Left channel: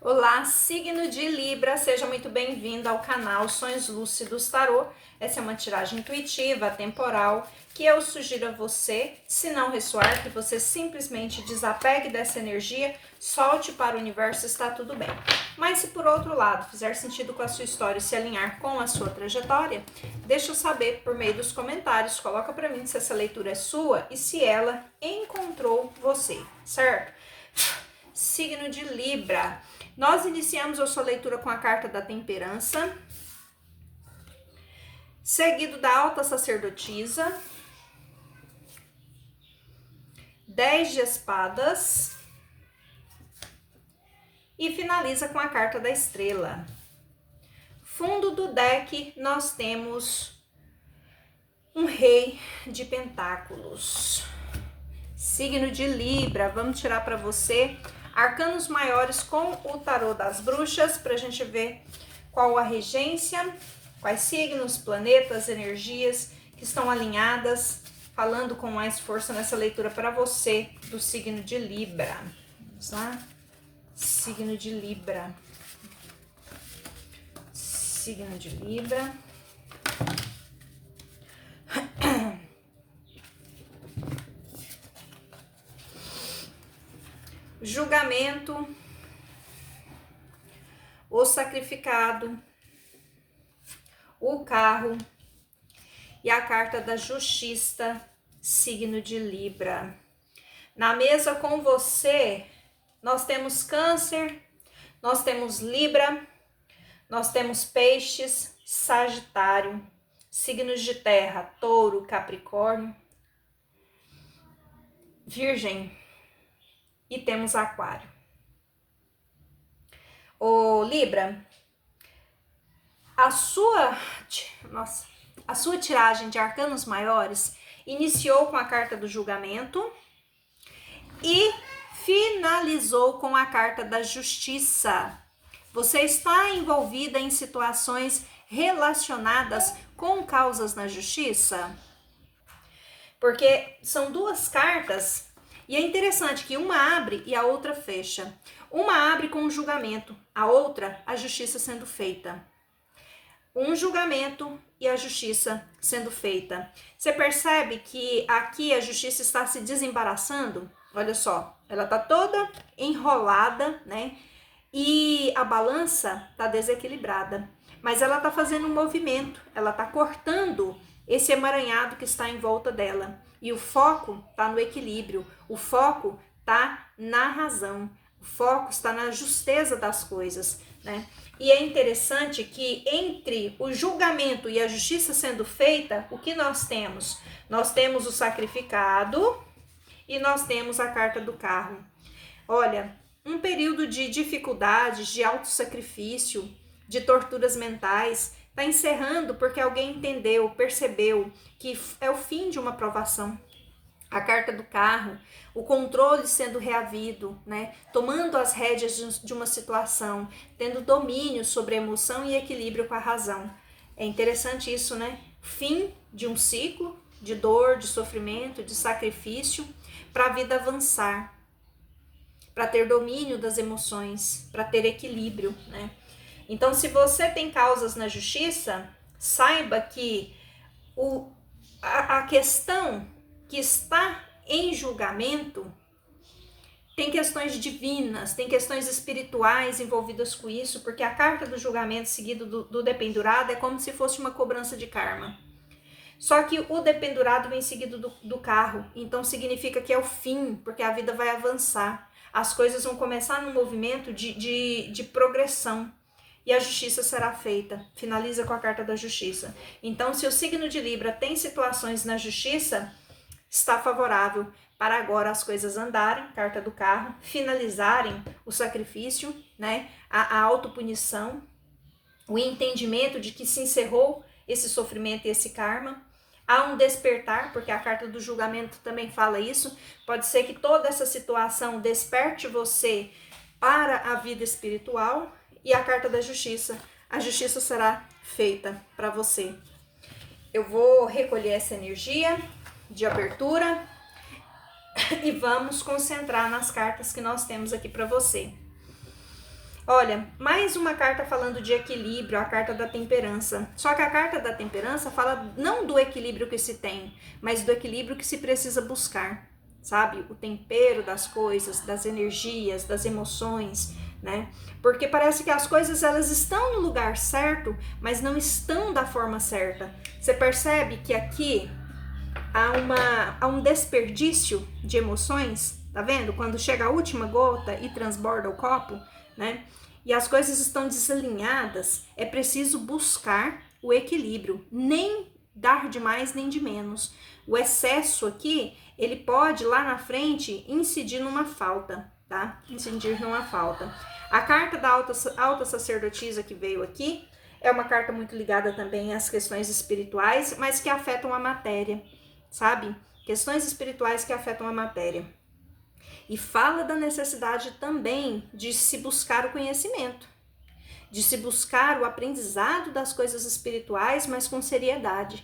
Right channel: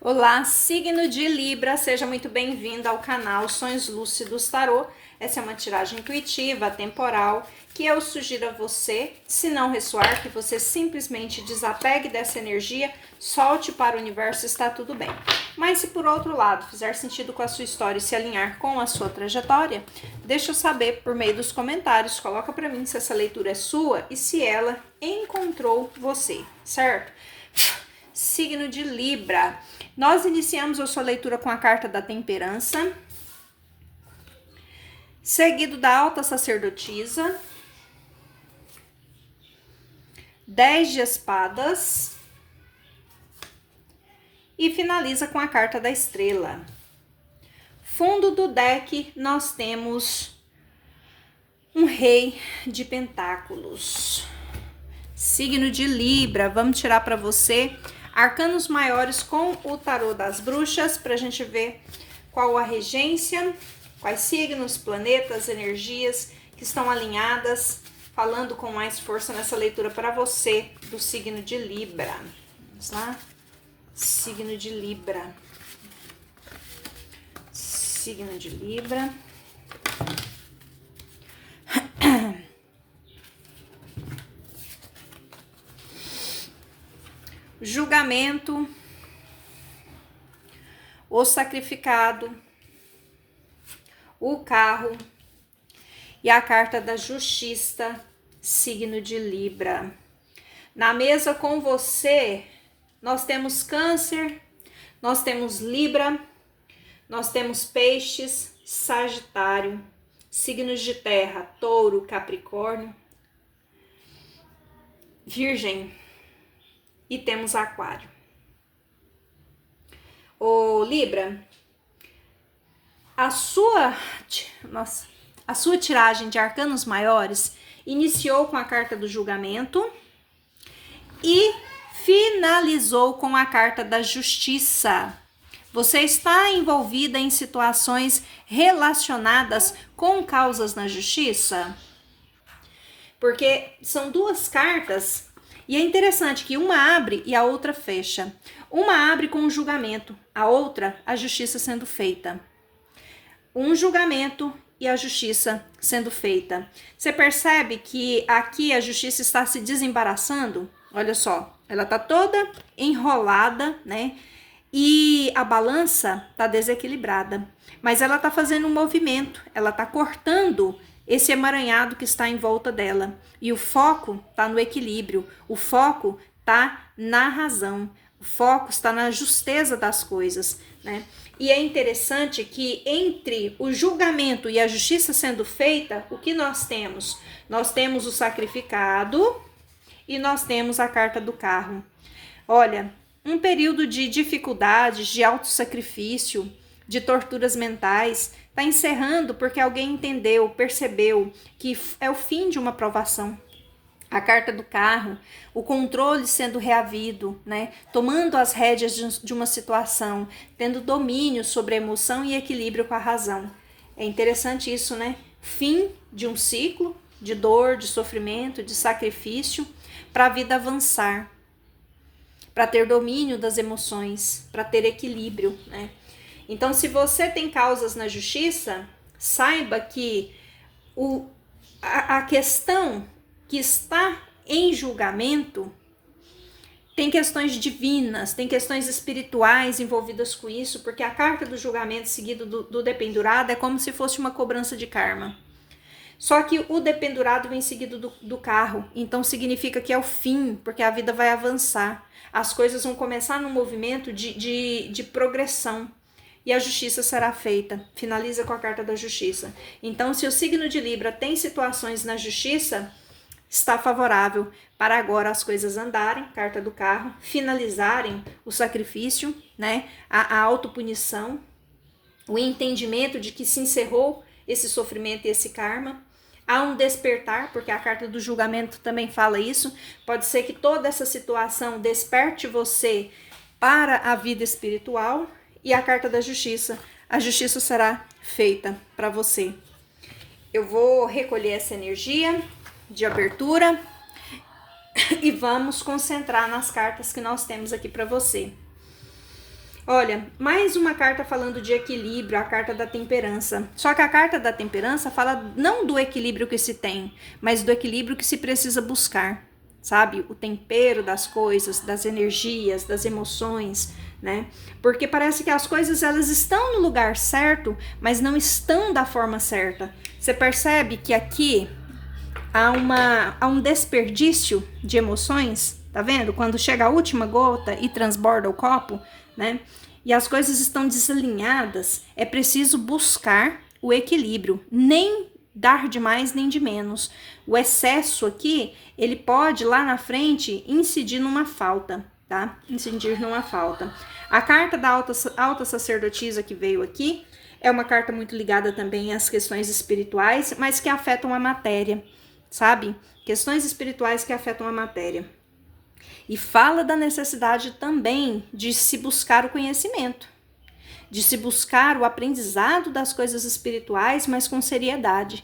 Olá, signo de Libra, seja muito bem-vindo ao canal Sonhos Lúcidos Tarô. Essa é uma tiragem intuitiva, temporal, que eu sugiro a você, se não ressoar, que você simplesmente desapegue dessa energia, solte para o universo, está tudo bem. Mas se por outro lado fizer sentido com a sua história e se alinhar com a sua trajetória, deixa eu saber por meio dos comentários, coloca para mim se essa leitura é sua e se ela encontrou você, certo? Signo de Libra. Nós iniciamos a sua leitura com a carta da temperança, seguido da alta sacerdotisa, 10 de espadas e finaliza com a carta da estrela. Fundo do deck, nós temos um rei de pentáculos. Signo de Libra, vamos tirar para você arcanos maiores com o tarô das bruxas, para a gente ver qual a regência, quais signos, planetas, energias que estão alinhadas, falando com mais força nessa leitura para você do signo de Libra. Vamos lá? Signo de Libra. Signo de Libra. Julgamento, o sacrificado, o carro e a carta da justiça, signo de Libra. Na mesa com você, nós temos Câncer, nós temos Libra, nós temos Peixes, Sagitário, signos de terra, Touro, Capricórnio, Virgem e temos Aquário. Ô Libra, a sua tiragem de arcanos maiores iniciou com a carta do julgamento e finalizou com a carta da justiça. Você está envolvida em situações relacionadas com causas na justiça? Porque são duas cartas e é interessante que uma abre e a outra fecha. Uma abre com o julgamento, a outra a justiça sendo feita. Um julgamento e a justiça sendo feita. Você percebe que aqui a justiça está se desembaraçando? Olha só, ela está toda enrolada, né? E a balança está desequilibrada. Mas ela está fazendo um movimento, ela está cortando esse emaranhado que está em volta dela. E o foco está no equilíbrio, o foco está na razão, o foco está na justeza das coisas, né? E é interessante que entre o julgamento e a justiça sendo feita, o que nós temos? Nós temos o sacrificado e nós temos a carta do carro. Olha, um período de dificuldades, de autossacrifício, de torturas mentais, está encerrando porque alguém entendeu, percebeu que é o fim de uma provação. A carta do carro, o controle sendo reavido, né? Tomando as rédeas de uma situação, tendo domínio sobre a emoção e equilíbrio com a razão. É interessante isso, né? Fim de um ciclo de dor, de sofrimento, de sacrifício, para a vida avançar, para ter domínio das emoções, para ter equilíbrio, né? Então, se você tem causas na justiça, saiba que a questão que está em julgamento tem questões divinas, tem questões espirituais envolvidas com isso, porque a carta do julgamento seguido do dependurado é como se fosse uma cobrança de karma. Só que o dependurado vem seguido do carro, então significa que é o fim, porque a vida vai avançar. As coisas vão começar num movimento de progressão. E a justiça será feita. Finaliza com a carta da justiça. Então, se o signo de Libra tem situações na justiça, está favorável para agora as coisas andarem, carta do carro, finalizarem o sacrifício, né? A autopunição, o entendimento de que se encerrou esse sofrimento e esse karma. Há um despertar, porque a carta do julgamento também fala isso. Pode ser que toda essa situação desperte você para a vida espiritual. E a carta da justiça, a justiça será feita para você. Eu vou recolher essa energia de abertura e vamos concentrar nas cartas que nós temos aqui para você. Olha, mais uma carta falando de equilíbrio, a carta da temperança. Só que a carta da temperança fala não do equilíbrio que se tem, mas do equilíbrio que se precisa buscar, sabe? O tempero das coisas, das energias, das emoções, né? Porque parece que as coisas elas estão no lugar certo, mas não estão da forma certa. Você percebe que aqui há um desperdício de emoções, tá vendo? Quando chega a última gota e transborda o copo, né? E as coisas estão desalinhadas, é preciso buscar o equilíbrio, nem dar de mais nem de menos. O excesso aqui, ele pode lá na frente incidir numa falta, tá? Incidir numa falta. A carta da alta sacerdotisa que veio aqui é uma carta muito ligada também às questões espirituais, mas que afetam a matéria, sabe? Questões espirituais que afetam a matéria. E fala da necessidade também de se buscar o conhecimento, de se buscar o aprendizado das coisas espirituais, mas com seriedade.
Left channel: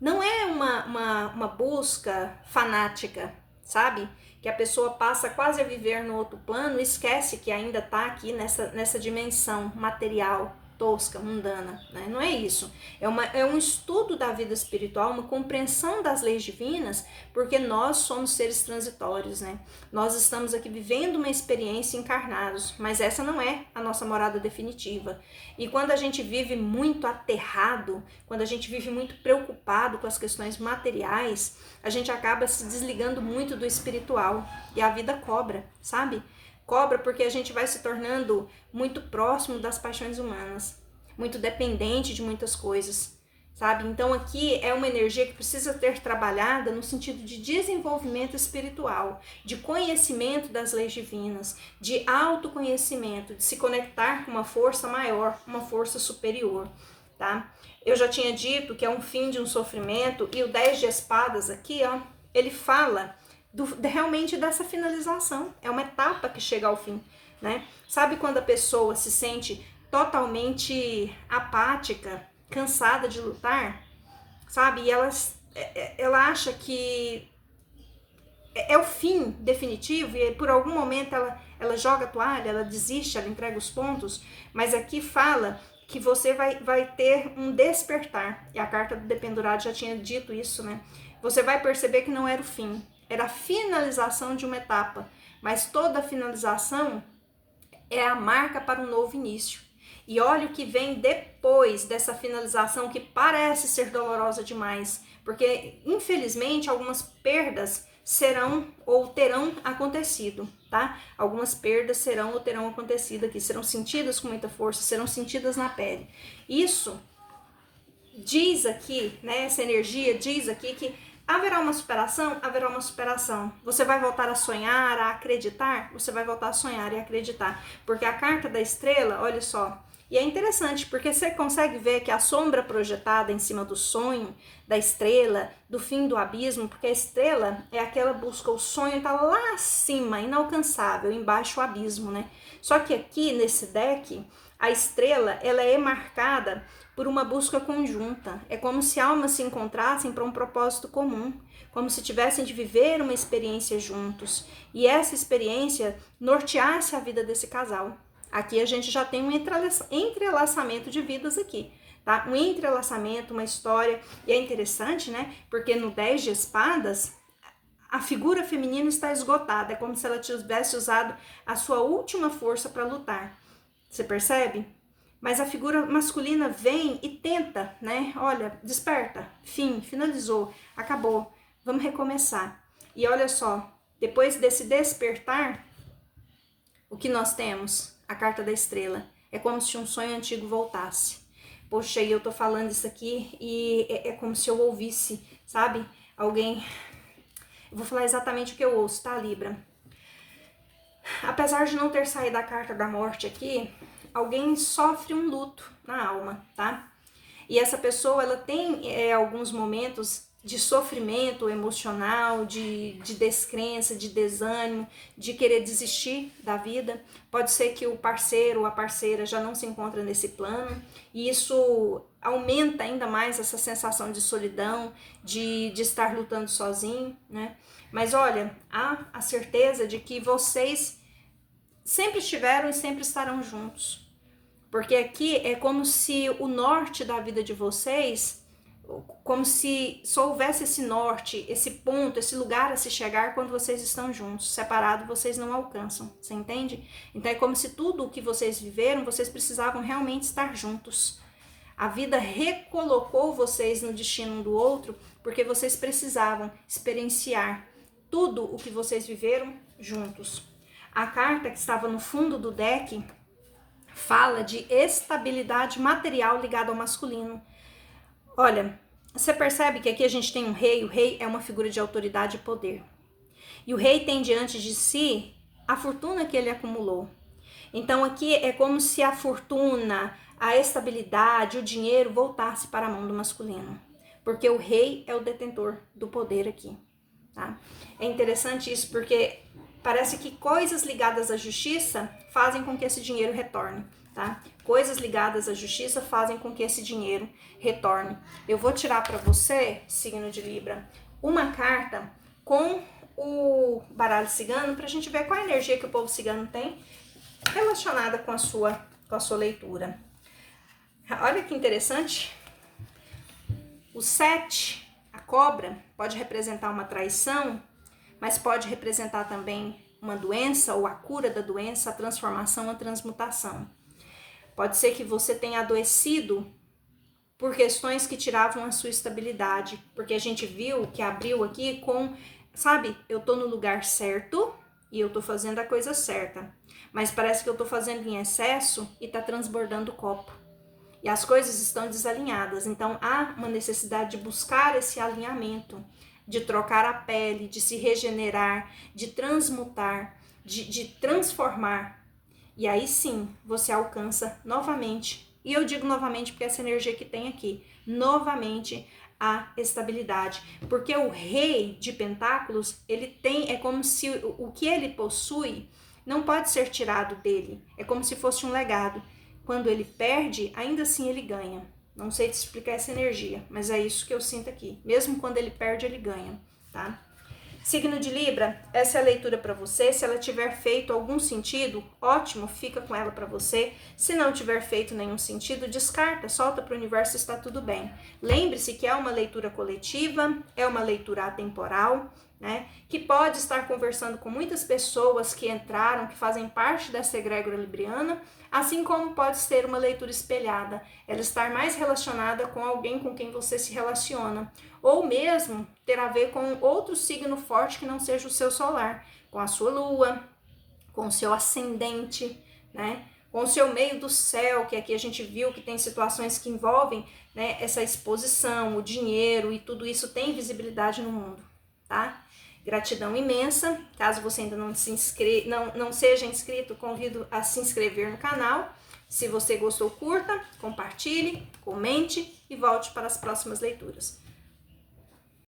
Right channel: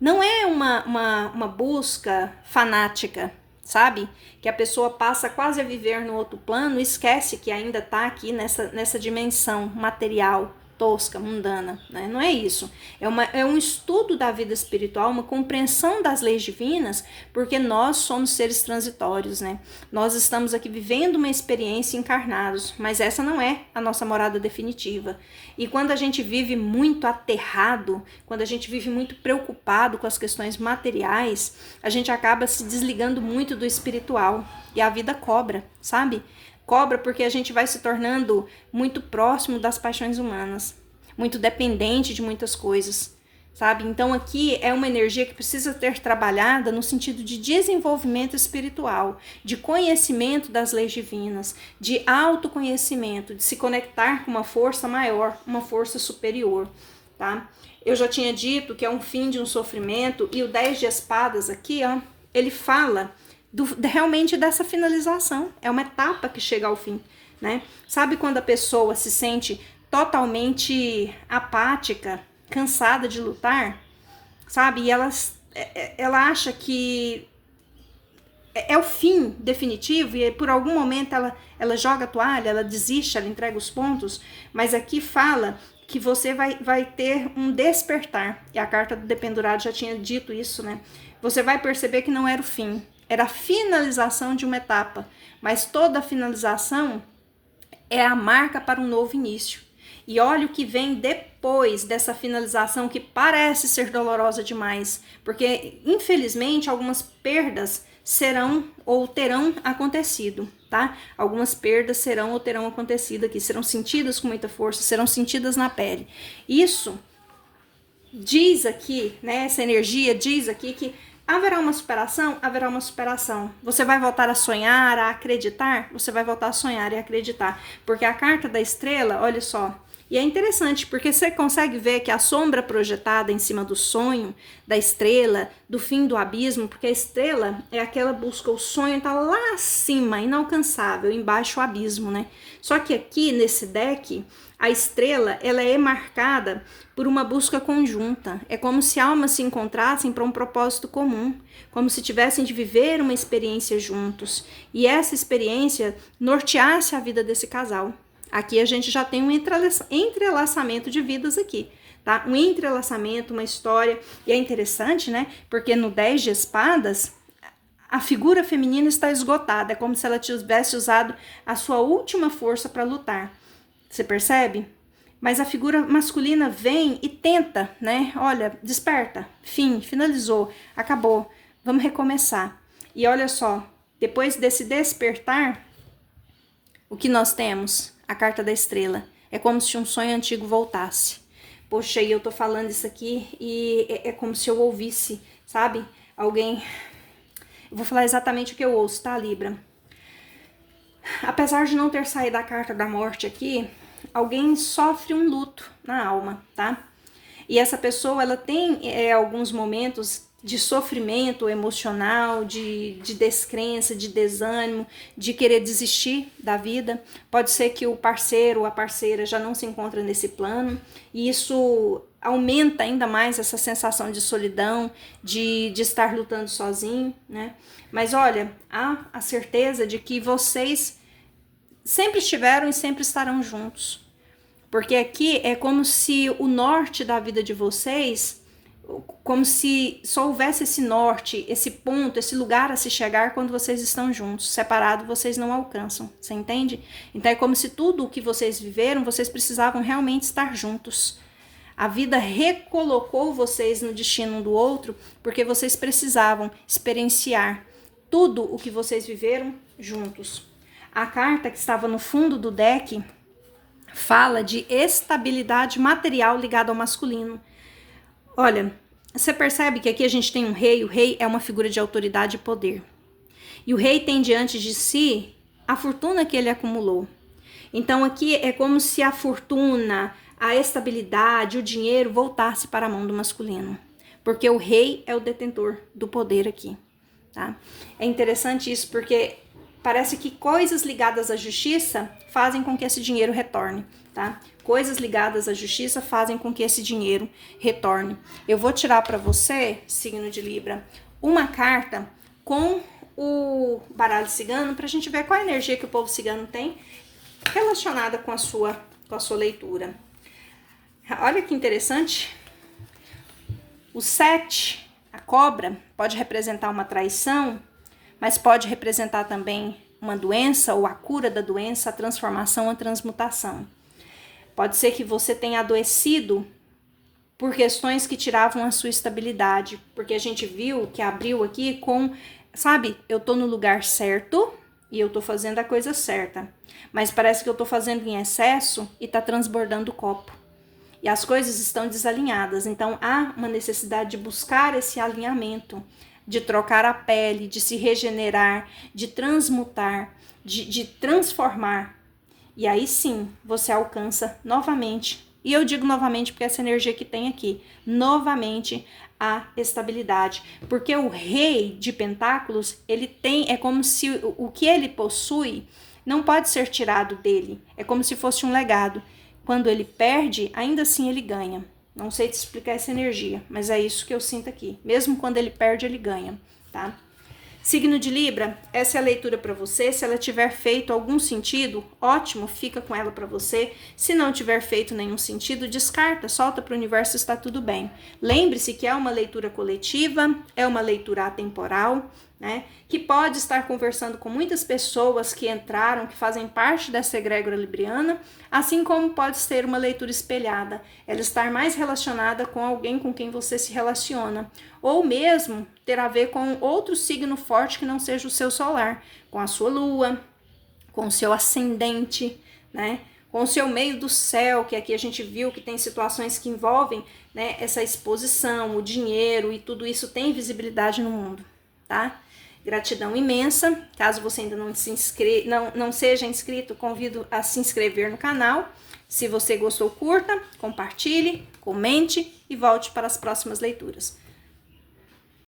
Não é uma busca fanática, sabe? Que a pessoa passa quase a viver no outro plano e esquece que ainda está aqui nessa dimensão material, tosca, mundana, né? Não é isso. É um estudo da vida espiritual, uma compreensão das leis divinas, porque nós somos seres transitórios, né? Nós estamos aqui vivendo uma experiência encarnados, mas essa não é a nossa morada definitiva. E quando a gente vive muito aterrado, quando a gente vive muito preocupado com as questões materiais, a gente acaba se desligando muito do espiritual e a vida cobra, sabe? Cobra porque a gente vai se tornando muito próximo das paixões humanas, muito dependente de muitas coisas, sabe? Então aqui é uma energia que precisa ser trabalhada no sentido de desenvolvimento espiritual, de conhecimento das leis divinas, de autoconhecimento, de se conectar com uma força maior, uma força superior, tá? Eu já tinha dito que é um fim de um sofrimento, e o 10 de espadas aqui, ó, ele fala realmente dessa finalização, é uma etapa que chega ao fim, né? Sabe quando a pessoa se sente totalmente apática, cansada de lutar, sabe? E ela acha que é o fim definitivo e por algum momento ela joga a toalha, ela desiste, ela entrega os pontos, mas aqui fala que você vai ter um despertar, e a carta do dependurado já tinha dito isso, né? Você vai perceber que não era o fim, era a finalização de uma etapa, mas toda finalização é a marca para um novo início. E olha o que vem depois dessa finalização, que parece ser dolorosa demais, porque infelizmente algumas perdas serão ou terão acontecido, tá? Algumas perdas serão ou terão acontecido aqui, serão sentidas com muita força, serão sentidas na pele. Isso diz aqui, né, essa energia diz aqui que haverá uma superação? Haverá uma superação. Você vai voltar a sonhar, a acreditar? Você vai voltar a sonhar e acreditar. Porque a carta da estrela, olha só, e é interessante porque você consegue ver que a sombra projetada em cima do sonho, da estrela, do fim do abismo, porque a estrela é aquela busca, o sonho tá lá acima, inalcançável, embaixo o abismo, né? Só que aqui nesse deck, a estrela, ela é marcada por uma busca conjunta. É como se almas se encontrassem para um propósito comum, como se tivessem de viver uma experiência juntos. E essa experiência norteasse a vida desse casal. Aqui a gente já tem um entrelaçamento de vidas aqui, tá? Um entrelaçamento, uma história. E é interessante, né? Porque no 10 de espadas, a figura feminina está esgotada. É como se ela tivesse usado a sua última força para lutar. Você percebe? Mas a figura masculina vem e tenta, né? Olha, desperta, fim, finalizou, acabou, vamos recomeçar. E olha só, depois desse despertar, o que nós temos? A carta da estrela. É como se um sonho antigo voltasse. Poxa, e eu tô falando isso aqui e é como se eu ouvisse, sabe? Alguém... Eu vou falar exatamente o que eu ouço, tá, Libra? Apesar de não ter saído a carta da morte aqui, alguém sofre um luto na alma, tá? E essa pessoa, ela tem alguns momentos de sofrimento emocional, de descrença, de desânimo, de querer desistir da vida. Pode ser que o parceiro ou a parceira já não se encontra nesse plano, e isso aumenta ainda mais essa sensação de solidão, de estar lutando sozinho, né? Mas olha, há a certeza de que vocês sempre estiveram e sempre estarão juntos. Porque aqui é como se o norte da vida de vocês, como se só houvesse esse norte, esse ponto, esse lugar a se chegar quando vocês estão juntos. Separado, vocês não alcançam, você entende? Então é como se tudo o que vocês viveram, vocês precisavam realmente estar juntos. A vida recolocou vocês no destino um do outro, porque vocês precisavam experienciar tudo o que vocês viveram juntos. A carta que estava no fundo do deck fala de estabilidade material ligada ao masculino. Olha, você percebe que aqui a gente tem um rei, o rei é uma figura de autoridade e poder. E o rei tem diante de si a fortuna que ele acumulou. Então aqui é como se a fortuna, a estabilidade, o dinheiro voltasse para a mão do masculino. Porque o rei é o detentor do poder aqui, tá? É interessante isso porque parece que coisas ligadas à justiça fazem com que esse dinheiro retorne, tá? Coisas ligadas à justiça fazem com que esse dinheiro retorne. Eu vou tirar para você, signo de Libra, uma carta com o baralho cigano para a gente ver qual a energia que o povo cigano tem relacionada com a sua leitura. Olha que interessante. O 7, a cobra, pode representar uma traição, mas pode representar também uma doença ou a cura da doença, a transformação, a transmutação. Pode ser que você tenha adoecido por questões que tiravam a sua estabilidade, porque a gente viu que abriu aqui com, sabe, eu tô no lugar certo e eu tô fazendo a coisa certa, mas parece que eu tô fazendo em excesso e tá transbordando o copo. E as coisas estão desalinhadas, então há uma necessidade de buscar esse alinhamento, de trocar a pele, de se regenerar, de transmutar, de transformar. E aí sim, você alcança novamente, e eu digo novamente porque essa energia que tem aqui, novamente a estabilidade. Porque o rei de pentáculos, ele tem, é como se o que ele possui não pode ser tirado dele, é como se fosse um legado. Quando ele perde, ainda assim ele ganha. Não sei te explicar essa energia, mas é isso que eu sinto aqui. Mesmo quando ele perde, ele ganha, tá? Signo de Libra, essa é a leitura para você. Se ela tiver feito algum sentido, ótimo, fica com ela para você. Se não tiver feito nenhum sentido, descarta, solta para o universo, está tudo bem. Lembre-se que é uma leitura coletiva, é uma leitura atemporal, né? Que pode estar conversando com muitas pessoas que entraram, que fazem parte dessa egrégora libriana, assim como pode ser uma leitura espelhada, ela estar mais relacionada com alguém com quem você se relaciona, ou mesmo ter a ver com outro signo forte que não seja o seu solar, com a sua lua, com o seu ascendente, né? Com o seu meio do céu, que aqui a gente viu que tem situações que envolvem, né, essa exposição, o dinheiro e tudo isso tem visibilidade no mundo, tá? Gratidão imensa. Caso você ainda não seja inscrito, convido a se inscrever no canal. Se você gostou, curta, compartilhe, comente e volte para as próximas leituras.